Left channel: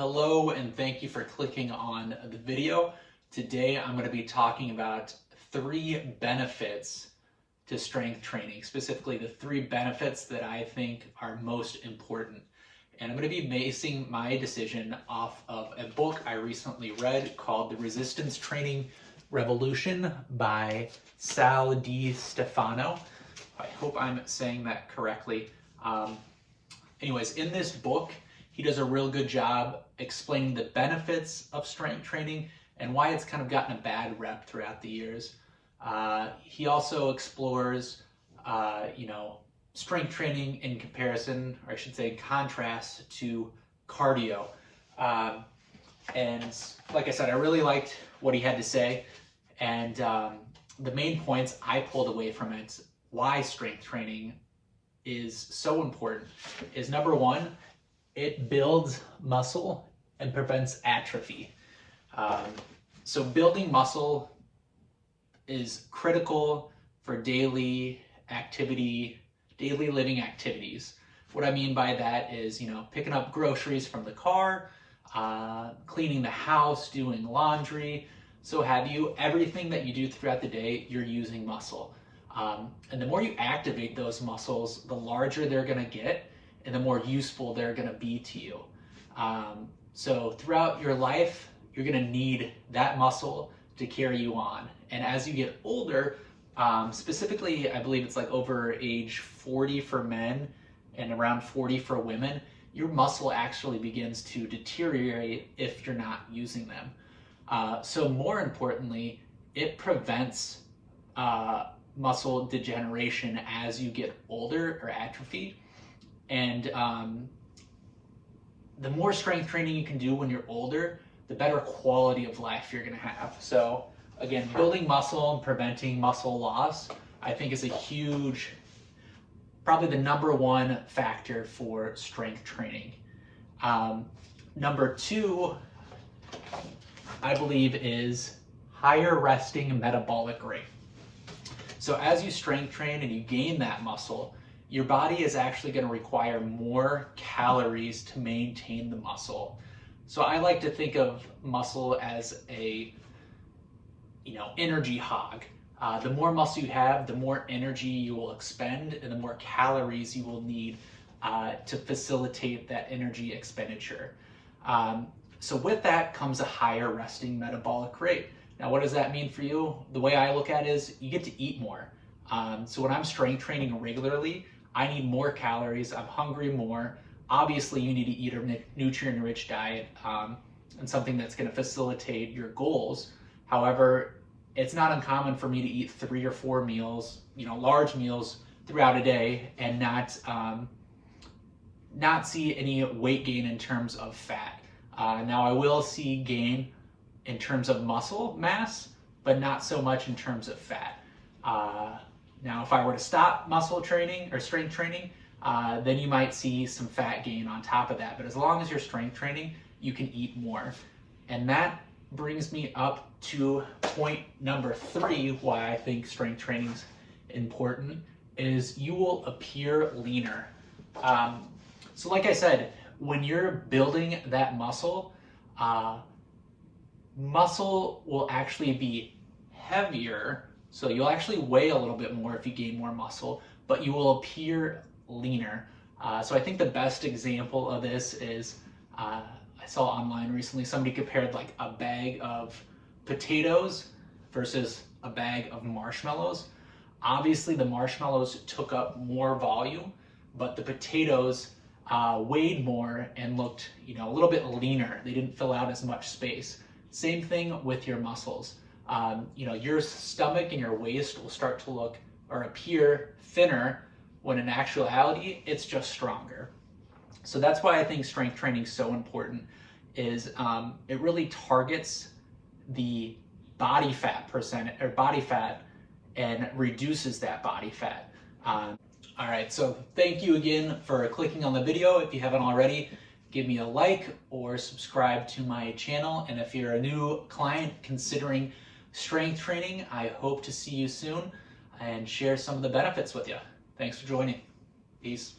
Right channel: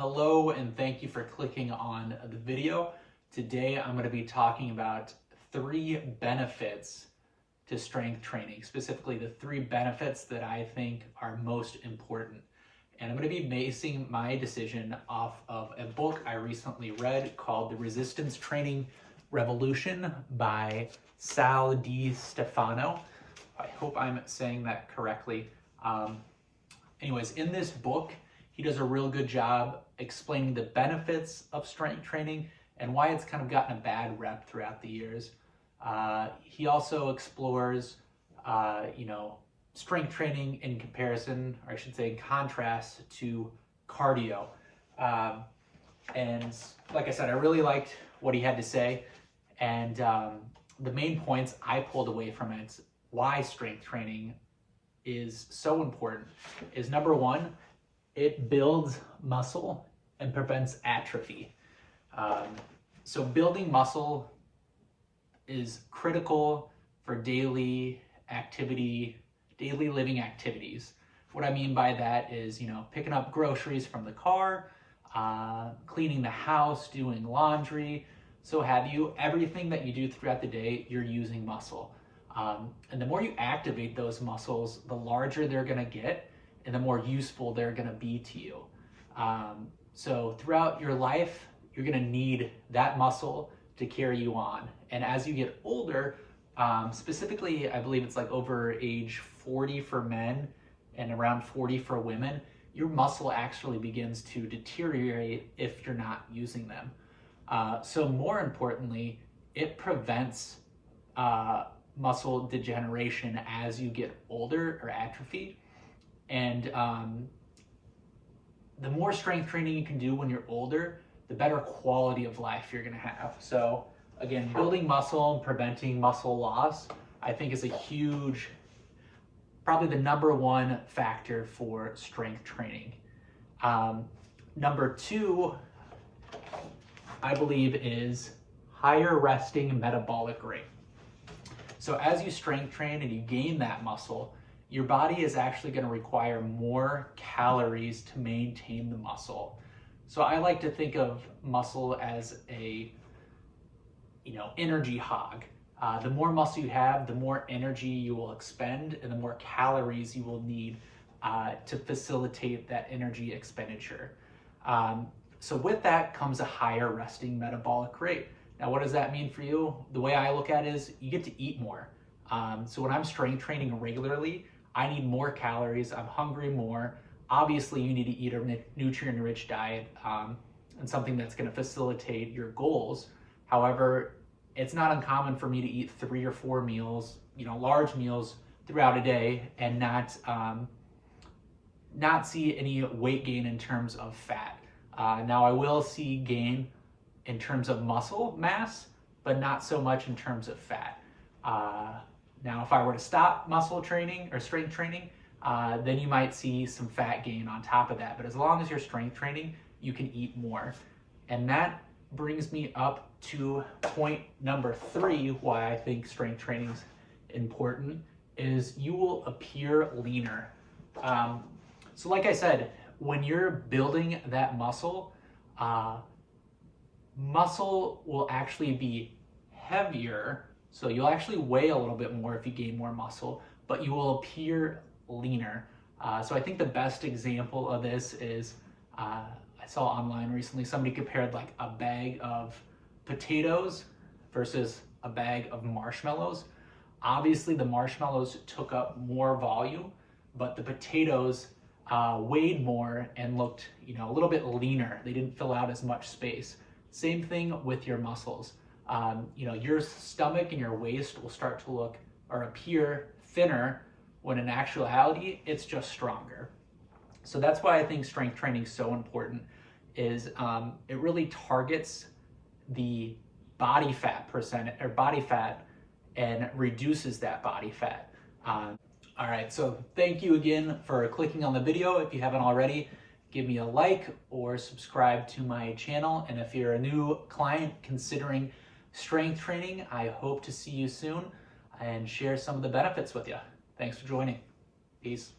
Hello, and thank you for clicking on the video. Today I'm going to be talking about 3 benefits to strength training, specifically the 3 benefits that I think are most important. And I'm going to be basing my decision off of a book I recently read called The Resistance Training Revolution by Sal Di Stefano. I hope I'm saying that correctly. Anyways, in this book, he does a real good job explaining the benefits of strength training and why it's kind of gotten a bad rep throughout the years. He also explores, strength training in comparison, or I should say in contrast to cardio. And like I said, I really liked what he had to say. And the main points I pulled away from it, why strength training is so important, is number 1, it builds muscle and prevents atrophy. So building muscle is critical for daily living activities. What I mean by that is, picking up groceries from the car, cleaning the house, doing laundry, so have you. Everything that you do throughout the day, you're using muscle. And the more you activate those muscles, the larger they're gonna get and the more useful they're gonna be to you. So throughout your life, you're gonna need that muscle to carry you on. And as you get older, specifically, I believe it's like over age 40 for men and around 40 for women, your muscle actually begins to deteriorate if you're not using them. So more importantly, it prevents muscle degeneration as you get older or atrophy. And the more strength training you can do when you're older, the better quality of life you're gonna have. So again, building muscle and preventing muscle loss, I think is a huge, probably the number 1 factor for strength training. Number 2, I believe, is higher resting metabolic rate. So as you strength train and you gain that muscle, your body is actually going to require more calories to maintain the muscle. So I like to think of muscle as a, energy hog. The more muscle you have, the more energy you will expend and the more calories you will need to facilitate that energy expenditure. So with that comes a higher resting metabolic rate. Now, what does that mean for you? The way I look at it is you get to eat more. So when I'm strength training regularly, I need more calories, I'm hungry more. Obviously, you need to eat a nutrient-rich diet and something that's gonna facilitate your goals. However, it's not uncommon for me to eat 3 or 4 meals, large meals throughout a day and not see any weight gain in terms of fat. Now, I will see gain in terms of muscle mass, but not so much in terms of fat. Now, if I were to stop muscle training or strength training, then you might see some fat gain on top of that. But as long as you're strength training, you can eat more. And that brings me up to point number 3, why I think strength training is important, is you will appear leaner. So like I said, when you're building that muscle, muscle will actually be heavier, so you'll actually weigh a little bit more if you gain more muscle, but you will appear leaner. So I think the best example of this is, I saw online recently, somebody compared like a bag of potatoes versus a bag of marshmallows. Obviously the marshmallows took up more volume, but the potatoes weighed more and looked, a little bit leaner. They didn't fill out as much space. Same thing with your muscles. Your stomach and your waist will start to look or appear thinner when in actuality, it's just stronger. So that's why I think strength training is so important, is it really targets the body fat percent or body fat and reduces that body fat. All right, so thank you again for clicking on the video. If you haven't already, give me a like or subscribe to my channel. And if you're a new client considering strength training, I hope to see you soon and share some of the benefits with you. Thanks for joining. Peace.